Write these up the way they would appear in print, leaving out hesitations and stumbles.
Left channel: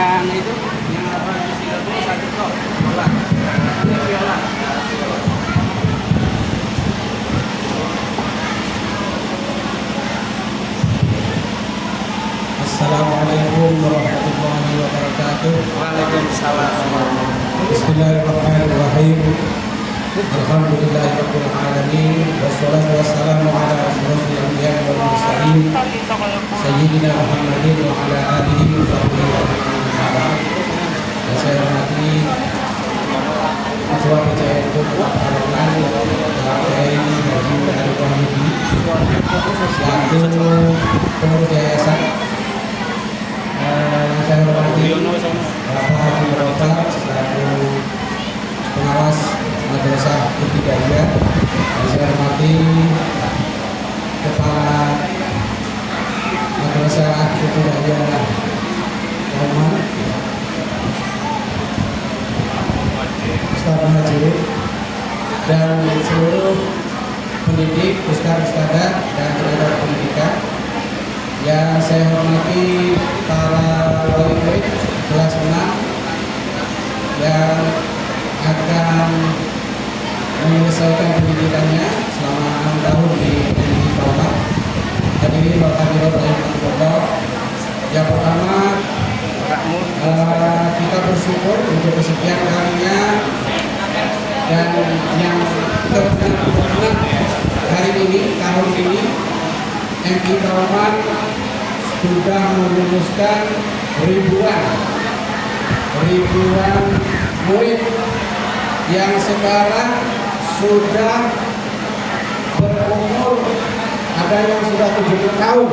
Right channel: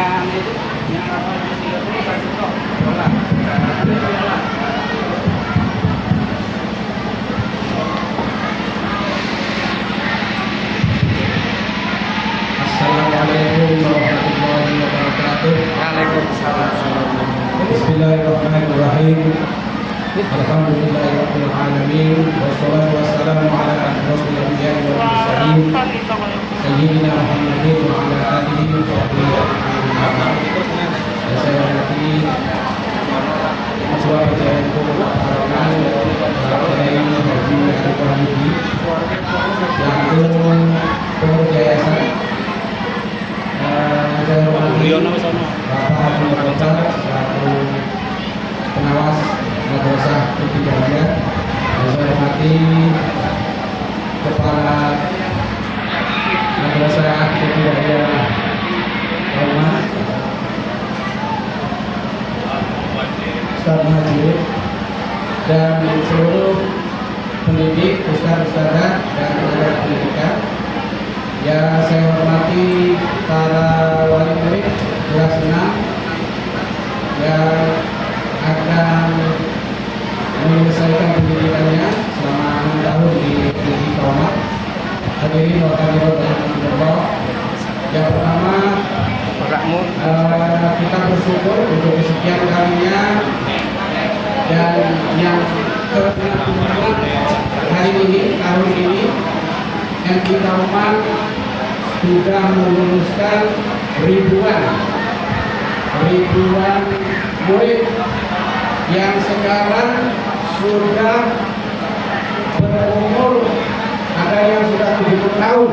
yang itu yang apa yang satu kok bola. Assalamualaikum warahmatullahi wabarakatuh. Waalaikumsalam. Bismillahirrahmanirrahim. Alhamdulillahirabbil alamin wassalatu wassalamu ala asyrofil anbiya'i wal mursalin sayyidina Muhammadin wa ala alihi wa sahbihi ajma'in. Dan saya hormati Ketua Percayaan itu Bapak Kiai Haji Arif Wahyudi selaku pengurus yayasan. Saya hormati Bapak Haji Mukhtar selaku pengawas Madrasah Ibtidaiyah, dan saya hormati Kepala Madrasah Ibtidaiyah Kauman Ustaz Majid, dan seluruh pendidik, ustaz-ustazah dan tenaga pendidikan. Yang saya hormati para wali murid kelas 6 yang akan menyelesaikan pendidikannya selama 6 tahun di NI Kauman. Hadirin wa hadirat rahimakumullah. Yang pertama, kita bersyukur untuk kesekian kalinya dan yang ke-66 hari ini, tahun ini NI Kauman sudah meluluskan ribuan murid yang sekarang sudah berumur, ada yang sudah 70 tahun,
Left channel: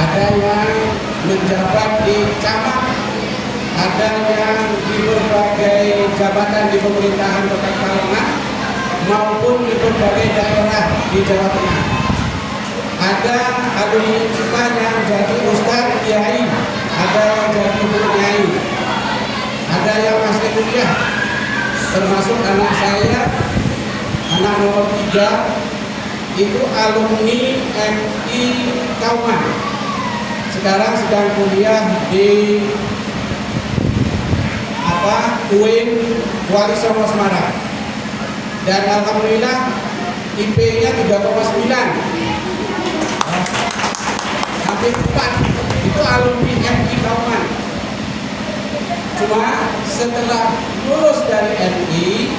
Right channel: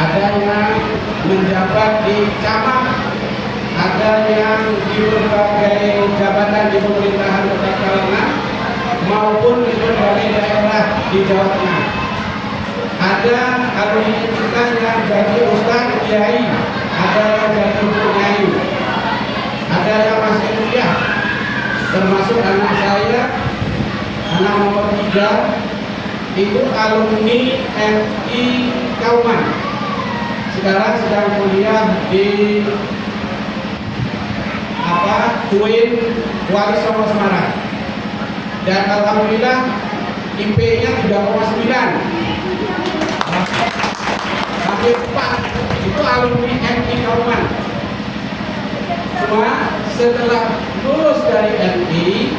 ada yang menjabat di camat, ada yang di berbagai jabatan di pemerintahan Kota Kauman maupun di berbagai daerah di Jawa Tengah. Ada alumni kita yang jadi ustadz kiai, ada yang jadi guru kiai, ada yang masih kuliah, termasuk anak saya, anak nomor 3 itu alumni MI Kauman, sekarang sedang kuliah di UIN Wali Songo Semarang, dan alhamdulillah IP-nya 3,9, hampir 4, itu alumni MI Kauman. Cuma setelah lulus dari MI,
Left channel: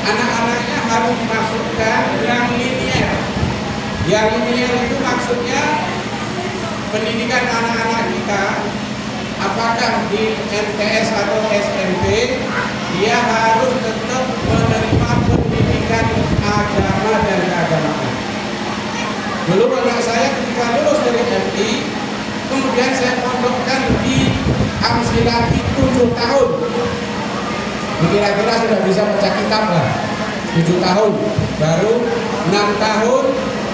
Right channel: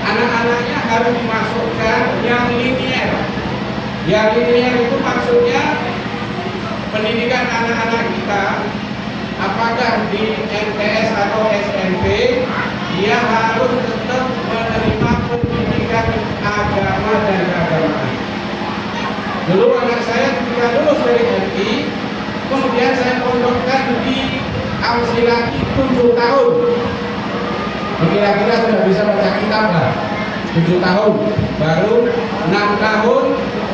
anak-anaknya harus dimasukkan yang linier. Yang linier itu maksudnya pendidikan anak-anak kita, apakah di MTS atau SMP, dia harus tetap menerima pendidikan agama dan keagamaan. Dulu anak saya ketika lulus dari MI, kemudian saya pondokkan di Amsilati 7 tahun. Kira-kira sudah bisa baca kitab lah, 7 tahun. Baru 6 tahun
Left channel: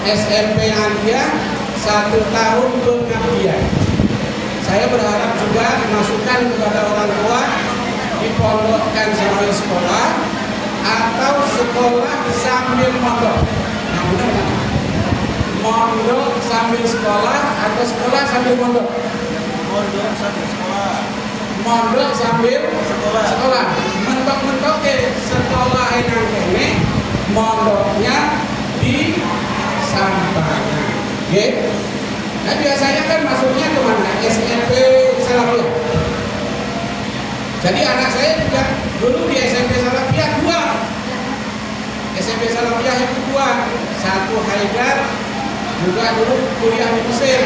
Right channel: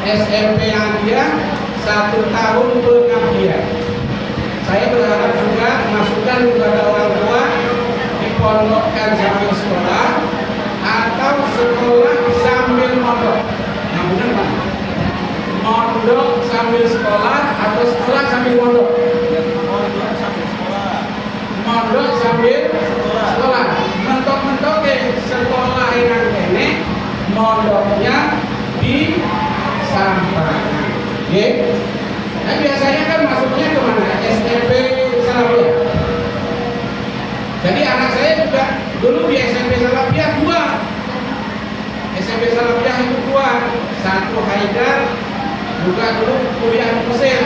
SMP yang dia, 1 tahun pengabdian. Saya berharap juga dimasukkan kepada orang tua, dipondokkan sambil sekolah atau sekolah sambil mondok. Yang benar kan? Mondok sambil sekolah atau sekolah sambil mondok? Mondok sambil sekolah. Mentok-mentok sekolah yang kene, mondoknya di Sampang. Oke? Nah, biasanya kan masuknya kemana? SMP Salafiyah. Jadi anak saya juga dulu di SMP Salafiyah 2. SMP Salafiyah itu 2. Satu Haidar, juga dulu kuliah di Mesir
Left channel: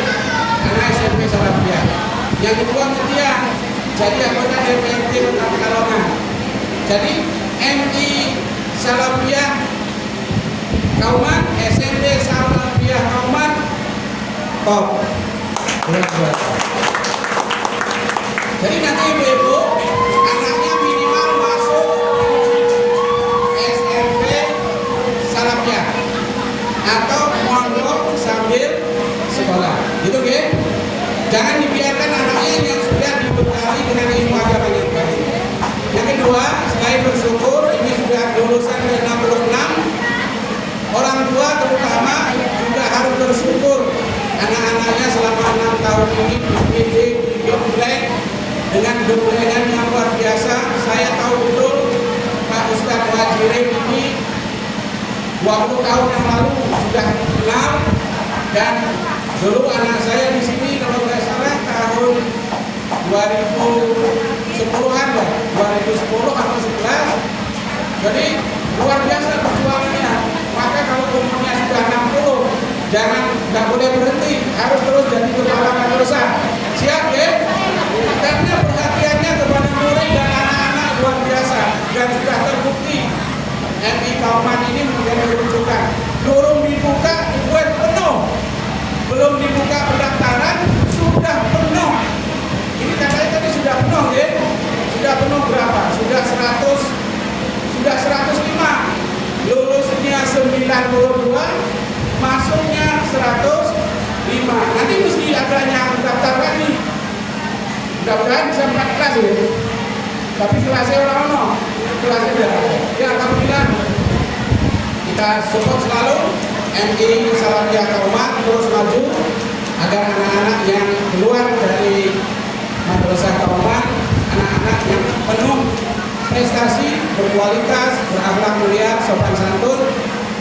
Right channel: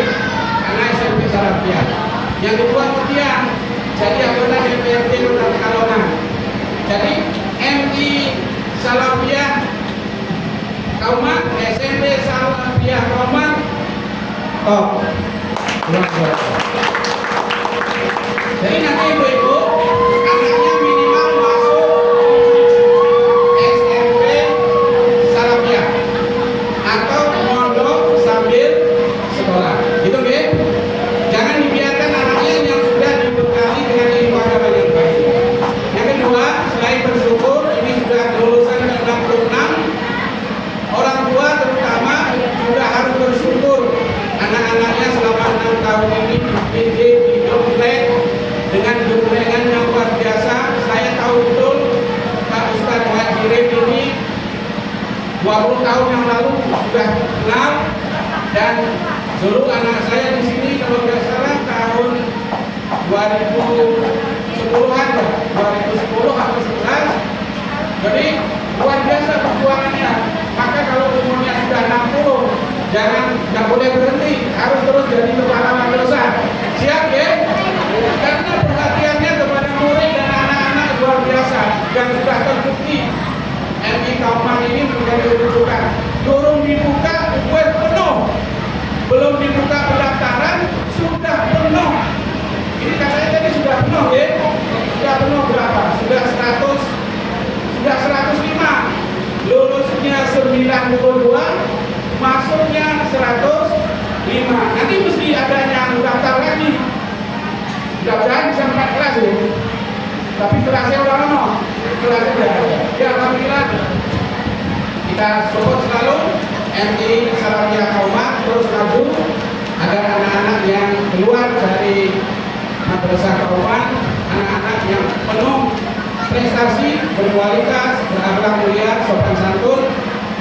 karena SMP Salafiyah. Yang kedua Mutiara, jadi anggota DPRD Kota Pekalongan. Jadi MI Salafiyah Kauman, SMP Salafiyah Kauman, top. Jadi nanti ibu-ibu anaknya minimal masuk SMP Salafiyah atau mondok sambil sekolah, gitu nggih? Jangan dibiarkan anaknya yang sudah dibekali dengan ilmu agama yang baik. Yang kedua, selain bersyukur ini sudah lulusan ke-66, orang tua terutama juga harus bersyukur anak-anaknya selama 6 tahun ini dididik, dididik tahun yang lalu sudah kenal, dan dulu anak saya di sini kalau nggak salah tahun 2010-an ya, 2010 atau 11. Jadi luar biasa perjuangannya. Maka kalau umurnya sudah 60, nggak boleh berhenti, harus terus jadi kepala madrasah. Siap ya? Karena perhatiannya kepada murid dan anak-anak luar biasa, dan sudah terbukti MI Kauman ini menjadi rujukan. Durung dibuka, web penuh. Belum dibuka pendaftaran, sudah penuh. Ini katanya tadi sudah penuh ya? Sudah penuh berapa? Sudah 100, sudah 105. Lulusnya 92, masuknya 105. Nanti mesti ada yang mendaftar lagi. Mudah-mudahan bisa 4 kelas ya. Tapi kelasnya orang-orang, kelasnya tidak ada. Ya alhamdulillah. Kita support selalu MI Salafiyah Kauman terus maju agar anak-anak yang keluar dari madrasah Kauman, anak-anak yang penuh prestasi, berkualitas, berakhlak mulia, sopan santun,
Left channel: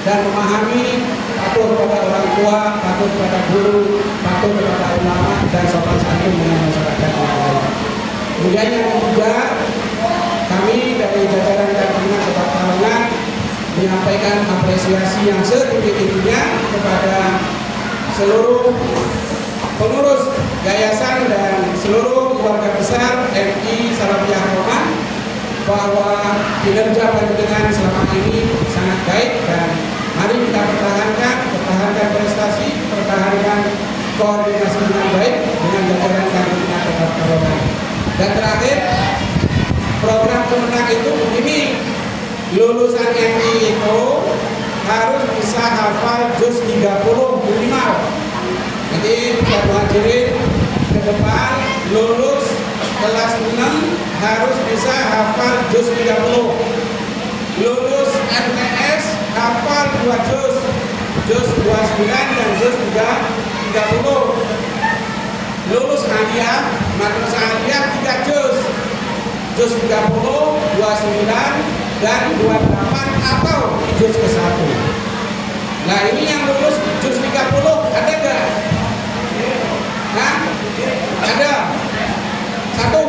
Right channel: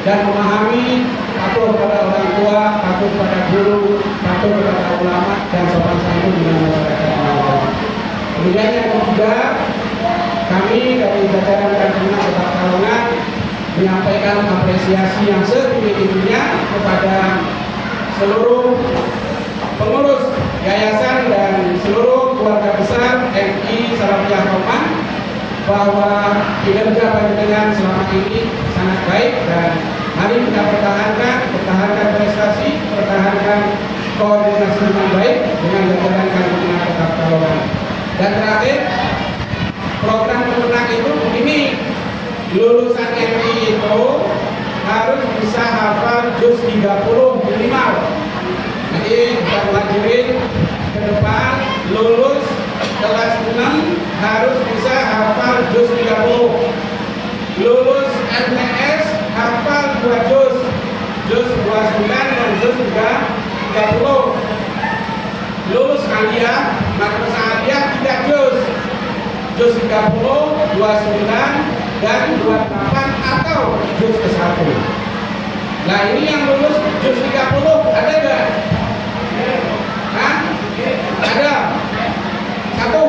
dan memahami, patuh kepada orang tua, patuh kepada guru, patuh kepada ulama, dan sopan santun dengan masyarakat yang lain. Kemudian yang ketiga, kami dari jajaran Kamtibmas Kota Pekalongan menyampaikan apresiasi yang setinggi-tingginya kepada seluruh pengurus yayasan dan seluruh keluarga besar MI Salafiyah Kauman bahwa kinerja panjenengan selama ini sangat baik, dan mari kita pertahankan prestasi, pertahankan koordinasi dengan baik dengan jajaran Kamtibmas Kota Pekalongan. Dan terakhir, program pemenang itu ini lulusan MI itu harus bisa hafal juz 30 minimal. Nanti kita pelajarin ke depan, lulus kelas 6 harus bisa hafal juz 30. Lulus MTS hafal 2 juz, juz 29 dan juz 30. Lulus aliyah, madrasah aliyah 3 juz, juz 30, 29 dan 28 atau juz ke-1. Nah ini yang lulus juz 30 ada nggak? Hah? Ada? 1.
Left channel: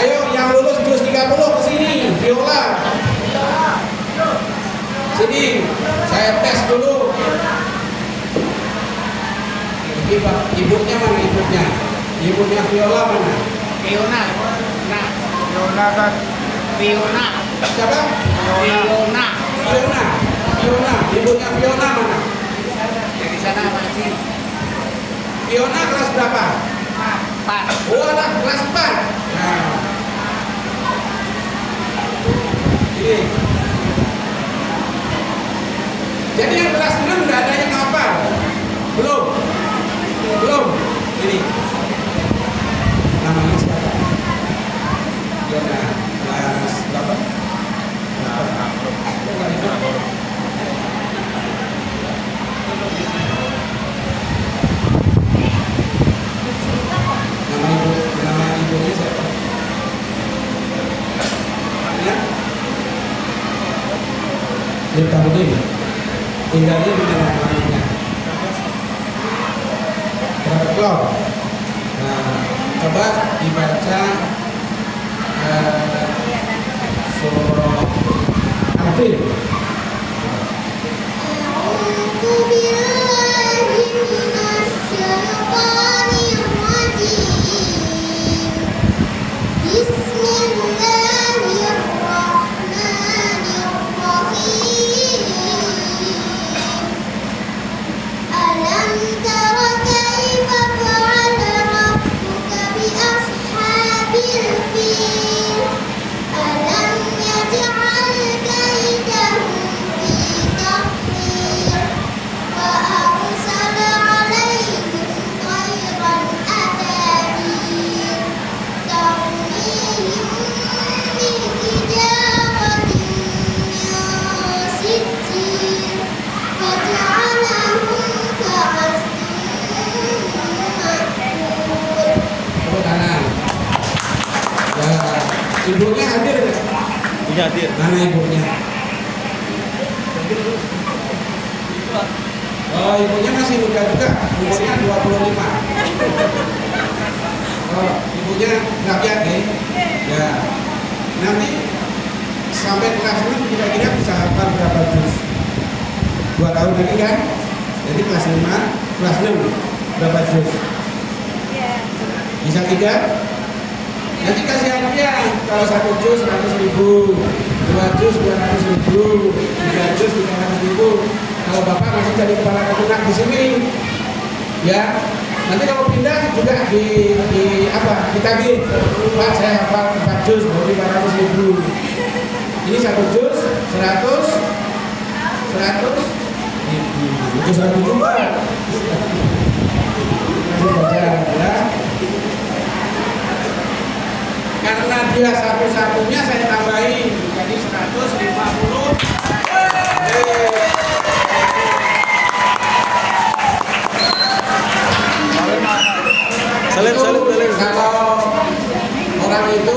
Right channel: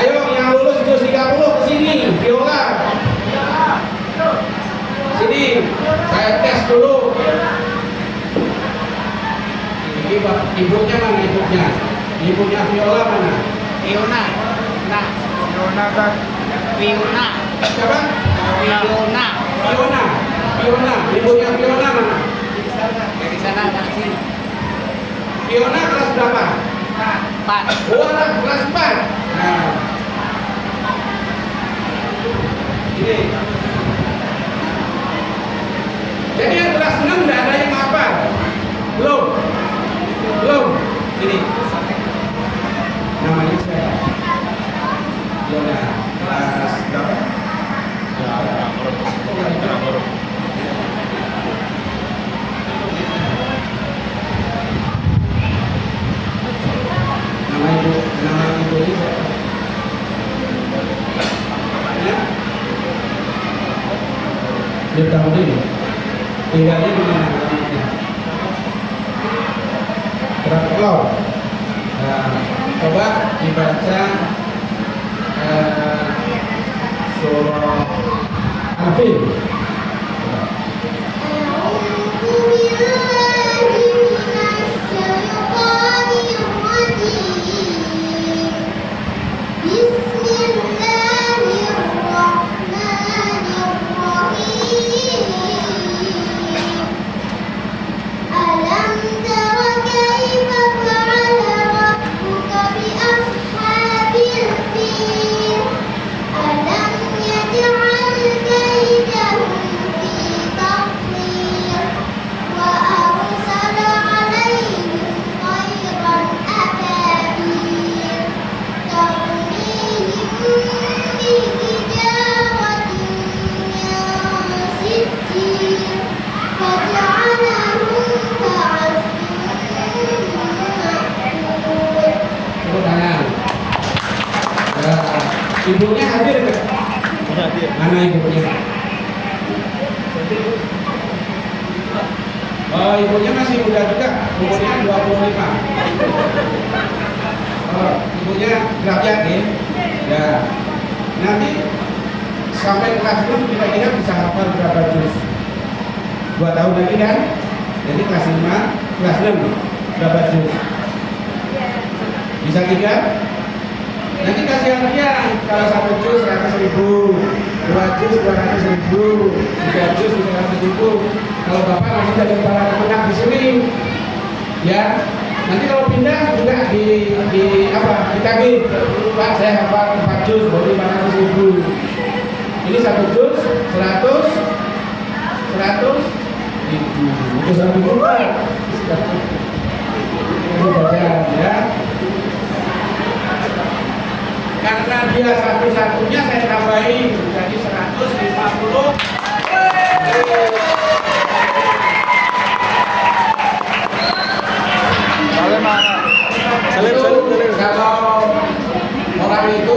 Ayo yang lulus juz 30 kesini, viola. Sini, saya tes dulu. Ini ibunya mana ibunya? Ibunya viola mana? Fiona, nah, Fiona dan Fiona. Siapa? Fiona. Fiona. Ibunya Fiona mana? Dari sana masih Fiona kelas berapa? 4. Oh, anak kelas 4. Nah. Ini. Jadi yang kelas 6 enggak ada yang hafal. Belum. Ini. Namanya siapa? Fiona. Kelas berapa? Nama ibunya siapa? Namanya? Liptamudin. Tinggalnya di mana namanya? Berapa? Nah, coba dibaca surah Al-Fil. Ibunya hadir nggak? Iya hadir. Mana ibunya? Kalau ibunya masih muda juga, umurnya 25. Kalau ibunya nggak yakin, ya nanti sampai kelas 6 kira-kira bisa hafal berapa juz? 2 tahun lagi kan? Jadi kelas 5, kelas 6 berapa juz? Bisa 3? Nanti kasih hadiah. Kalau 1 juz 100.000, 2 juz 200.000, 3 juz 300.000. Kalau bapak masih jadi kepala kemenang di sini, ya. Nanti kalau pindah juga ditagih. Pak, saya hafal 4 juz berarti 500.000. Ini 1 juz 100.000. Itu 1 juta. Itu saja ya. Karena dia satu-satunya saya tambahin jadi 150. Kalau orang itu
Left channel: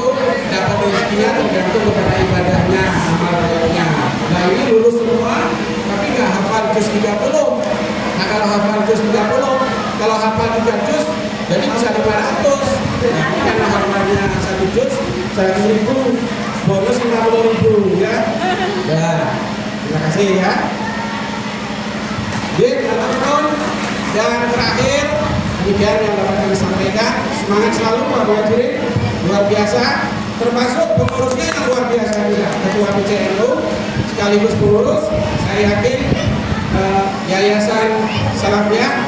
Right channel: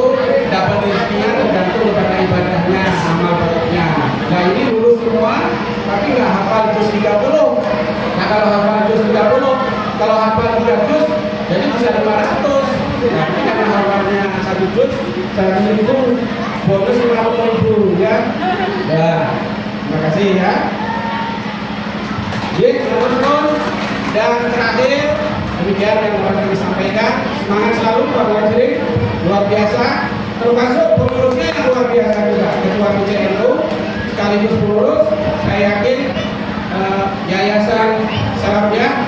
dapat rezekinya tergantung kepada ibadahnya, amal baiknya. Nah ini lulus semua, tapi nggak hafal juz 30. Nah kalau hafal juz 30, kalau hafal 3 juz, jadi bisa 500. Nah ini karena hafalnya 1 juz 100.000, bonus 50.000 ya. Ya, terima kasih ya. Baik, teman-teman. Dan terakhir, demikian yang dapat kami sampaikan. Semangat selalu Pak Hadirin, luar biasa. Termasuk pengurusnya yang luar biasa juga, Ketua PCNU sekaligus pengurus. Saya yakin Yayasan Salafiyah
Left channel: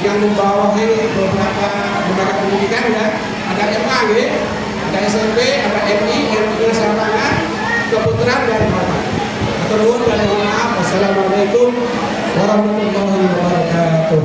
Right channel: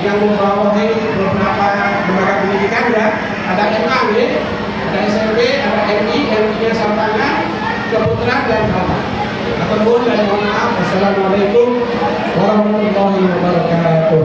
yang membawahi beberapa lembaga pendidikan ya, ada MA ya, ada SMP, ada MI, MI-nya Sampanga, Keputeran dan kawan. Atur nuhun dan mohon maaf. Wassalamualaikum warahmatullahi wabarakatuh.